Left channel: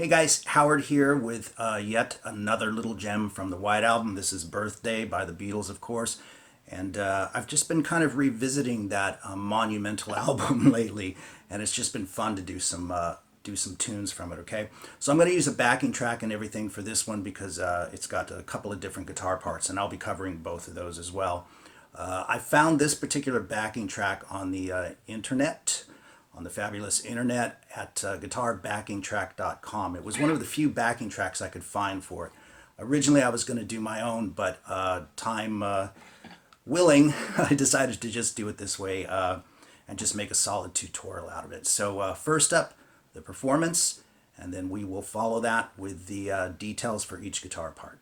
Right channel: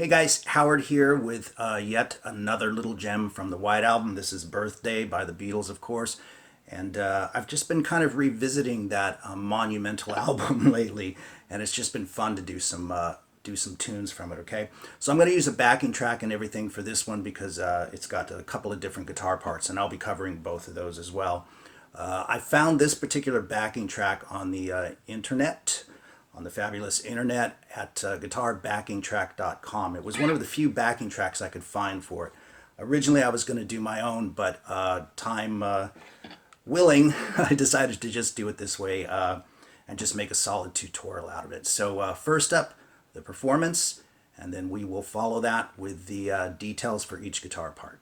Hey guys, Howard here with yet another little gem from the White Album. This is Birthday by the Beatles, of course. And I've just been kind of revisiting that monumental album lately, and it's just been fun to do some tunes from it, okay? So I'm going to use a backing track and everything for this one because it's got a couple of different guitar parts, and I'll be covering both of those as well. I found this particular backing track on the internet, on the fabulous internet at guitarbackingtrack.com. It was one of the few backing tracks I could find for it. Originally, I was going to do my own, but time willing, I decided to just do it this way and just make a solid tutorial out of it. So first up, the performance, and then we will follow that with the details for each guitar part.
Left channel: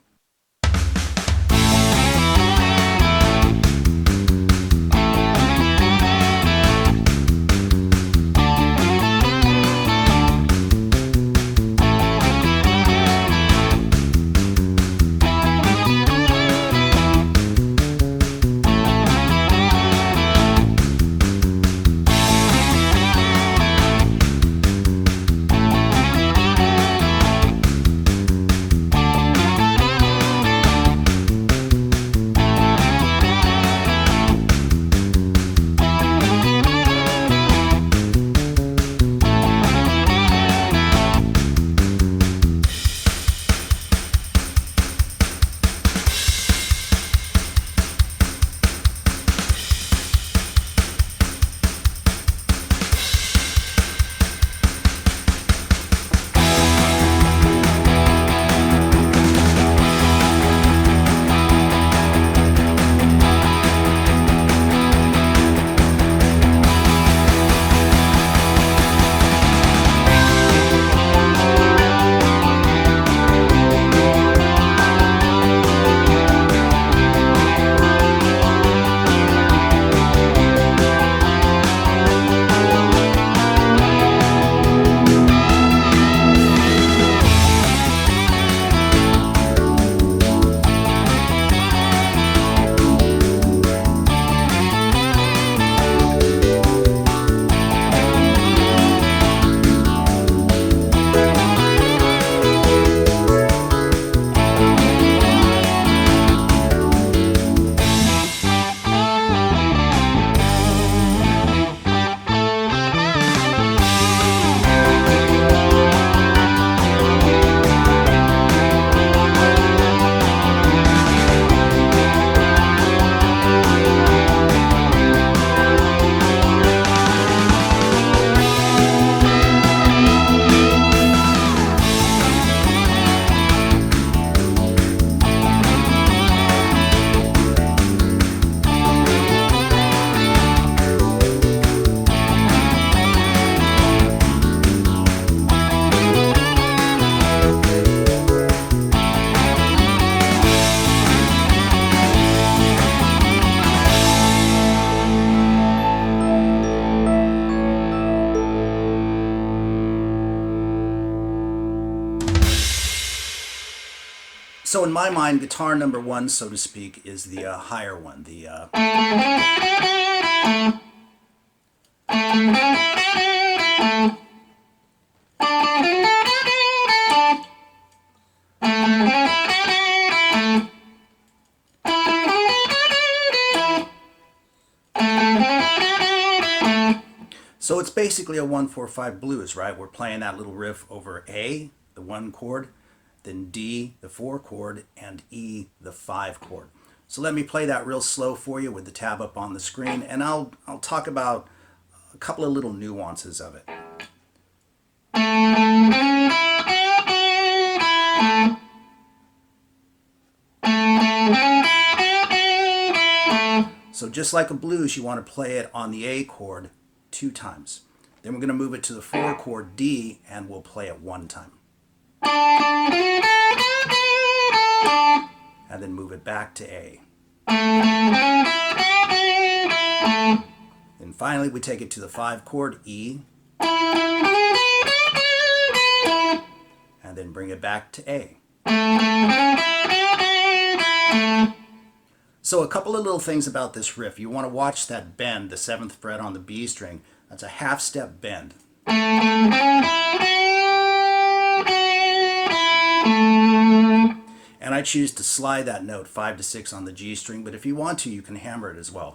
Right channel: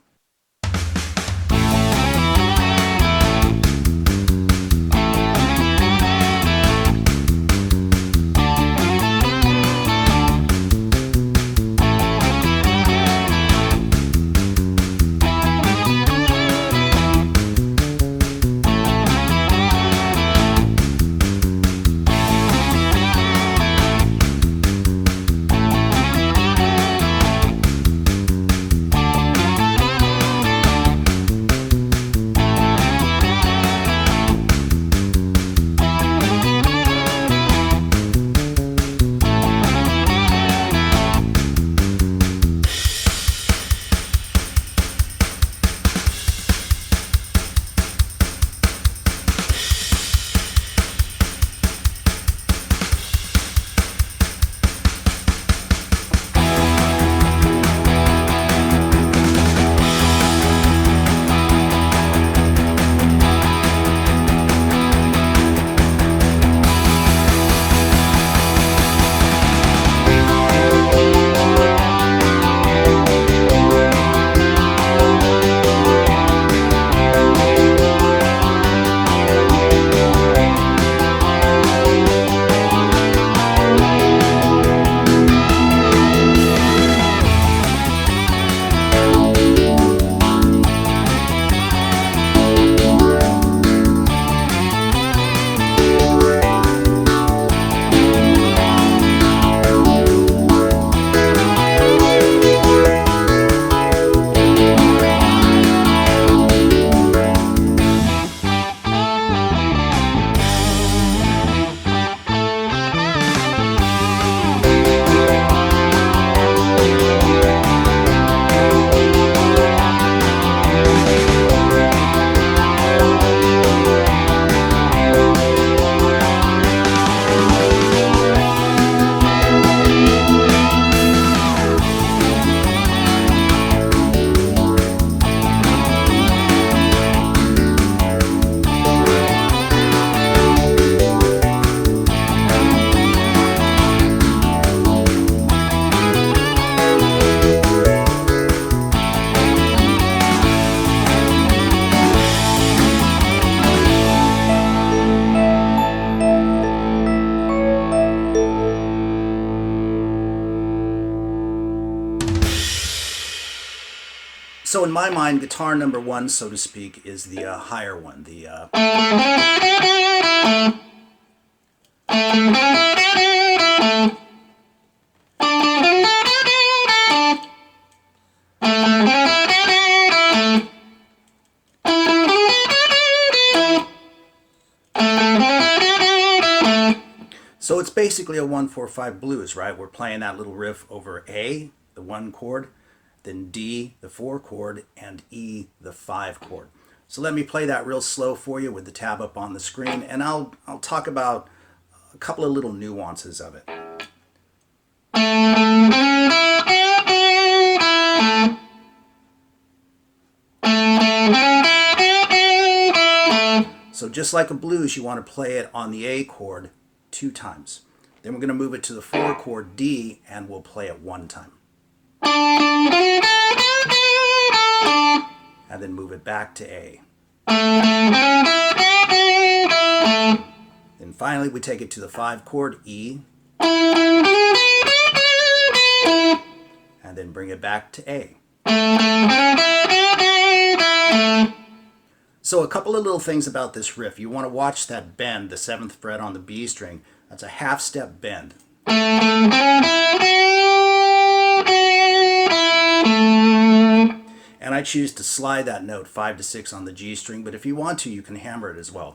So in my mind, guitar number one, so to speak, is the higher one. So it's basically a 1-4-5 blues, right? We're playing that little riff over A, the 1 chord, then D, the 4 chord, and E, the 5 chord. So let me play that real slow for you with the tab up on the screen, and I'll talk about a couple of little nuances of it. So just like a blues, you want to play it on the A chord 2 times. Then we're going to move it to the 4 chord D, and we'll play it 1 time. And then move it back to A. Then finally we take it to the 5 chord E, and then bring it back to A. So a couple of little things about this riff. You want to watch that bend, the 7th fret on the B string. That's a half step bend. And I choose to slide that note 5 to 6 on the G string, but if you want to, you can hammer it as well.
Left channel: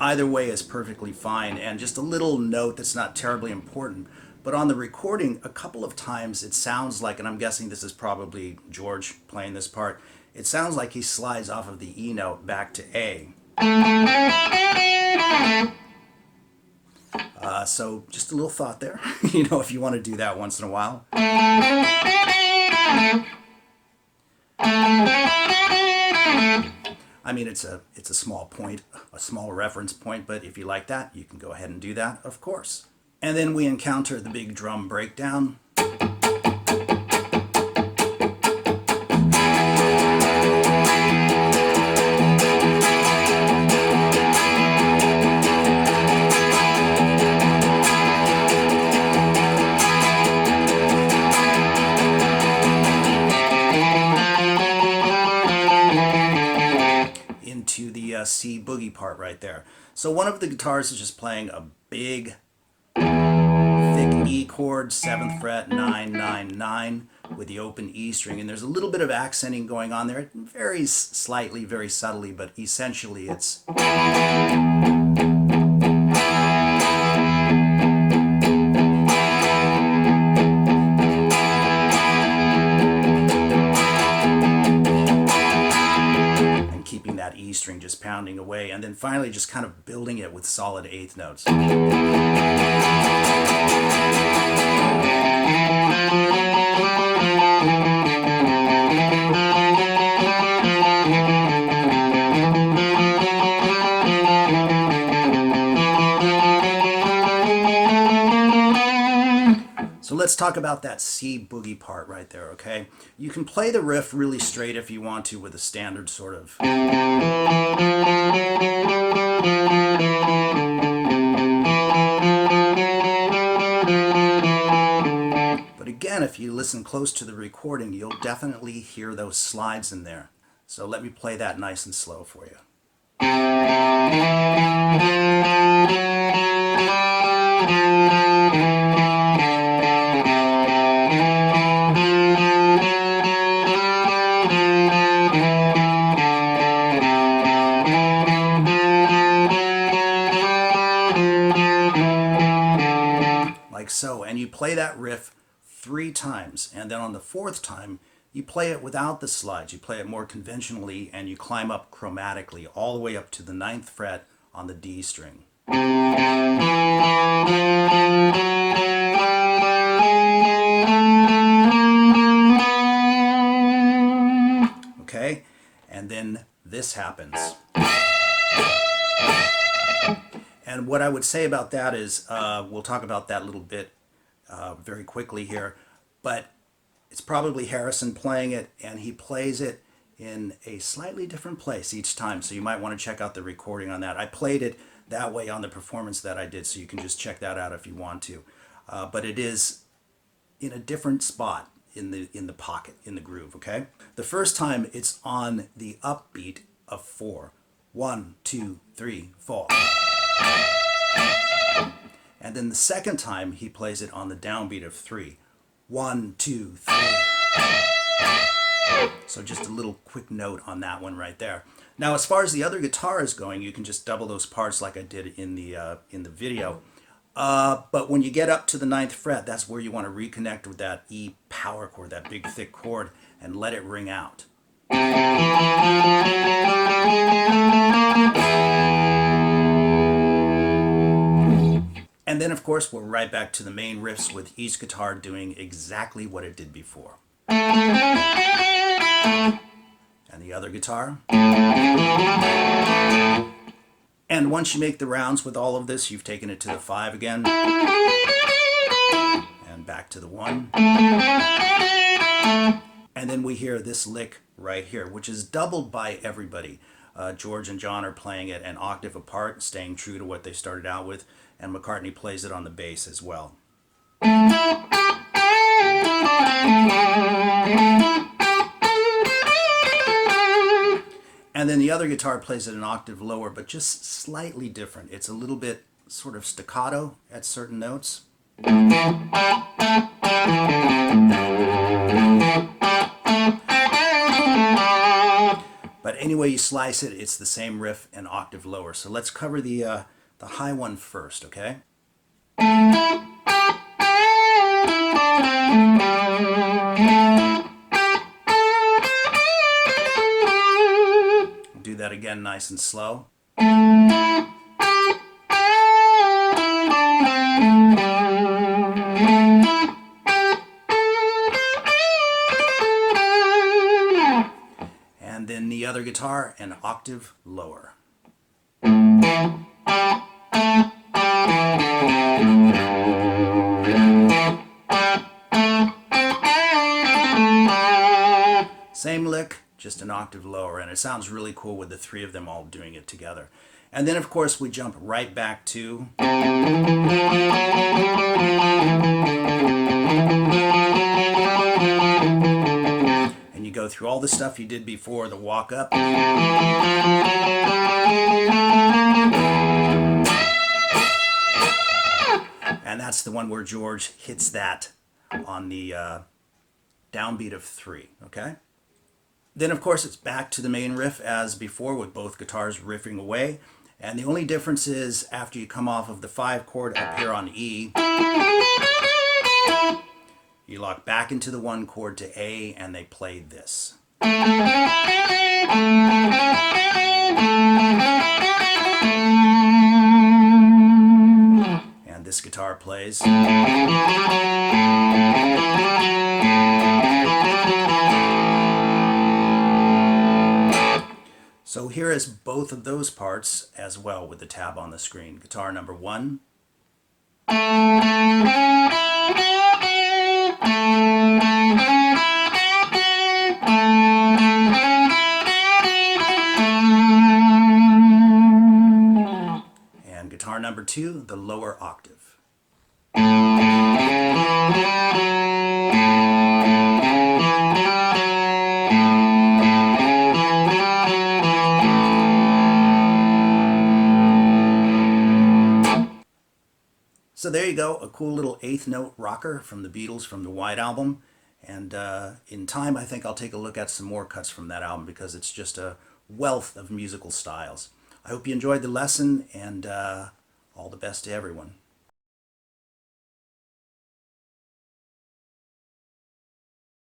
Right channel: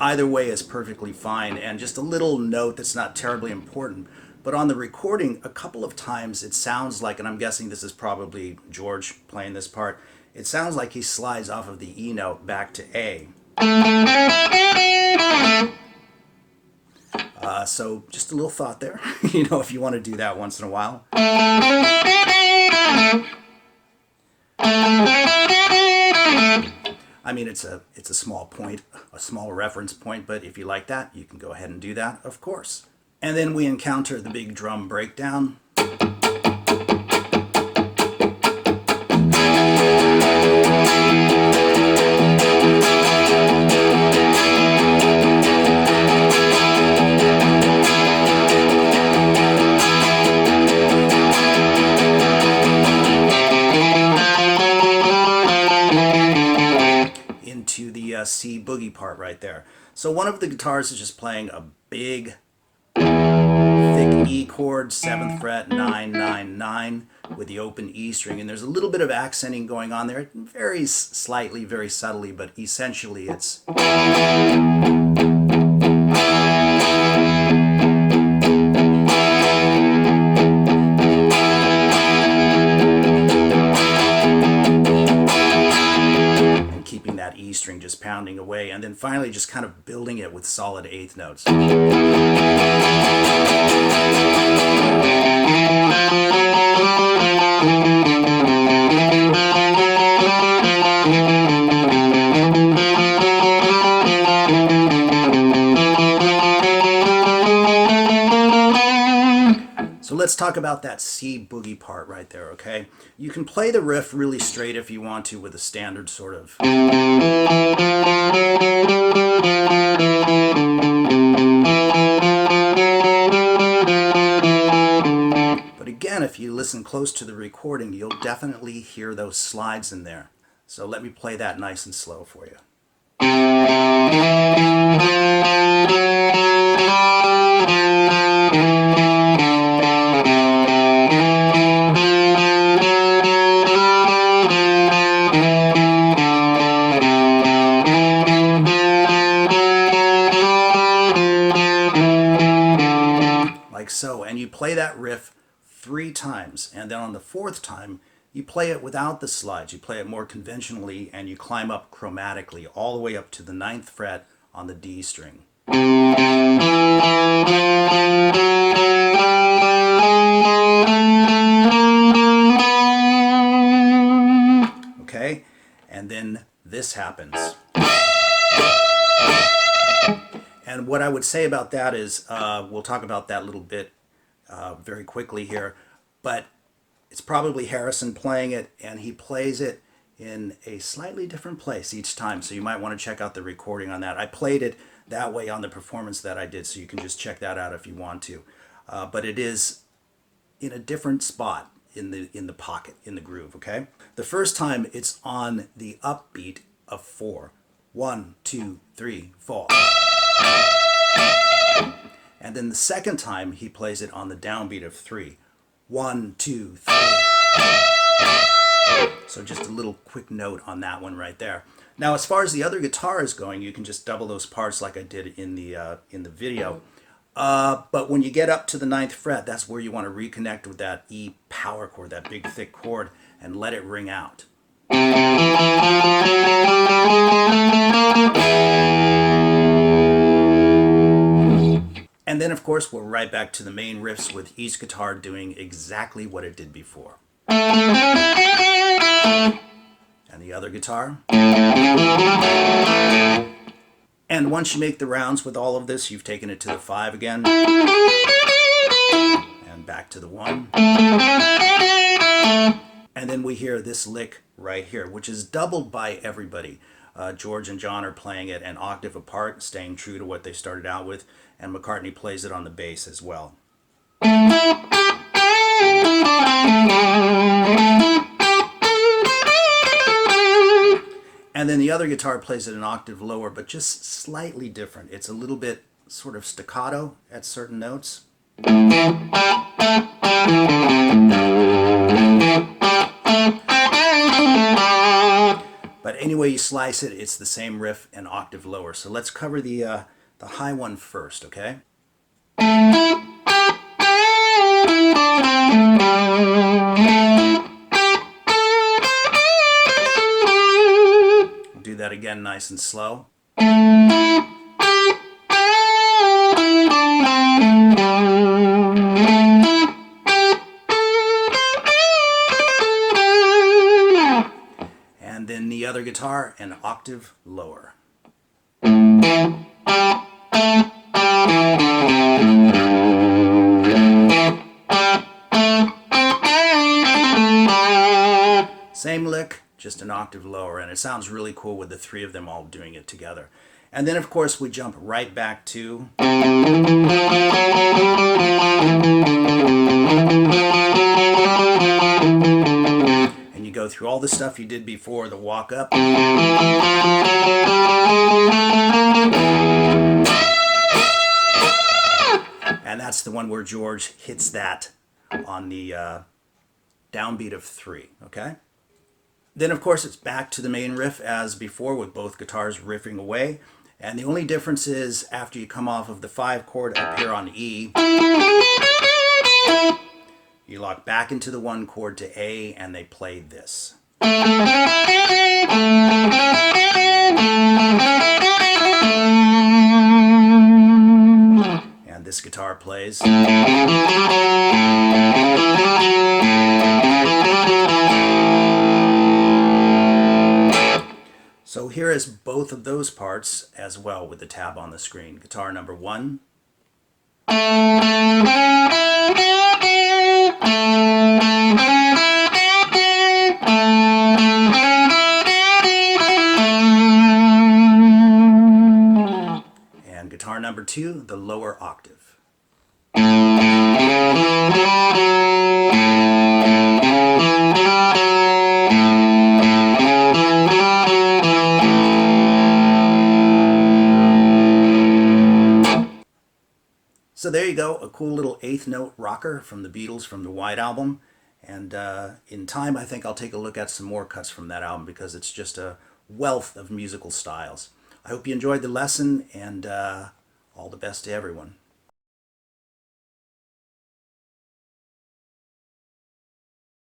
Either way is perfectly fine, and just a little note that's not terribly important. But on the recording, a couple of times it sounds like, and I'm guessing this is probably George playing this part, it sounds like he slides off of the E note back to A. So just a little thought there, if you want to do that once in a while. I mean, it's a small point, a small reference point, but if you like that, you can go ahead and do that, of course. And then we encounter the big drum breakdown. Into the C boogie part right there. So one of the guitars is just playing a big, thick E chord, 7th fret, 9, 9, 9, with the open E string. And there's a little bit of accenting going on there. It varies slightly, very subtly, but essentially it's... keeping that E string just pounding away, and then finally just kind of building it with solid 8th notes. So let's talk about that C boogie part right there, okay? You can play the riff really straight if you want to with a standard sort of... But again, if you listen close to the recording, you'll definitely hear those slides in there. So let me play that nice and slow for you. Like so, and you play that riff 3 times, and then on the 4th time you play it without the slides. You play it more conventionally, and you climb up chromatically all the way up to the 9th fret on the D string. Okay, and then this happens. And what I would say about that is, we'll talk about that a little bit very quickly here, but it's probably Harrison playing it, and he plays it in a slightly different place each time, so you might want to check out the recording on that. I played it that way on the performance that I did, so you can just check that out if you want to. But it is in a different spot in the pocket, in the groove, okay? The first time it's on the upbeat of 4. 1, 2, 3, 4. And then the second time he plays it on the downbeat of 3. 1, 2, 3. So just a little quick note on that one right there. Now, as far as the other guitar is going, you can just double those parts like I did in the video. But when you get up to the 9th fret, that's where you want to reconnect with that E power chord, that big thick chord, and let it ring out. And then, of course, we're right back to the main riffs with each guitar doing exactly what it did before. And the other guitar. And once you make the rounds with all of this, you've taken it to the 5 again. And back to the 1. And then we hear this lick right here, which is doubled by everybody. George and John are playing it an octave apart, staying true to what they started out with, and McCartney plays it on the bass as well. And then the other guitar plays it an octave lower, but just slightly different. It's a little bit sort of staccato at certain notes. But any way you slice it, it's the same riff an octave lower. So let's cover the high one first, okay? We'll do that again nice and slow. And then the other guitar an octave lower. Same lick, just an octave lower, and it sounds really cool with the three of them all doing it together. And then of course we jump right back to and you go through all the stuff you did before, the walk up. And that's the one where George hits that on the downbeat of 3, okay? Then, of course, it's back to the main riff as before with both guitars riffing away. And the only difference is after you come off of the 5 chord up here on E, you lock back into the 1 chord to A and they play this. And this guitar plays. So here is both of those parts as well with the tab on the screen. Guitar number 1. And guitar number 2, the lower octave. So there you go, a cool little 8th note rocker from the Beatles from the White Album. And in time, I think I'll take a look at some more cuts from that album because it's just a wealth of musical styles. I hope you enjoyed the lesson, and all the best to everyone.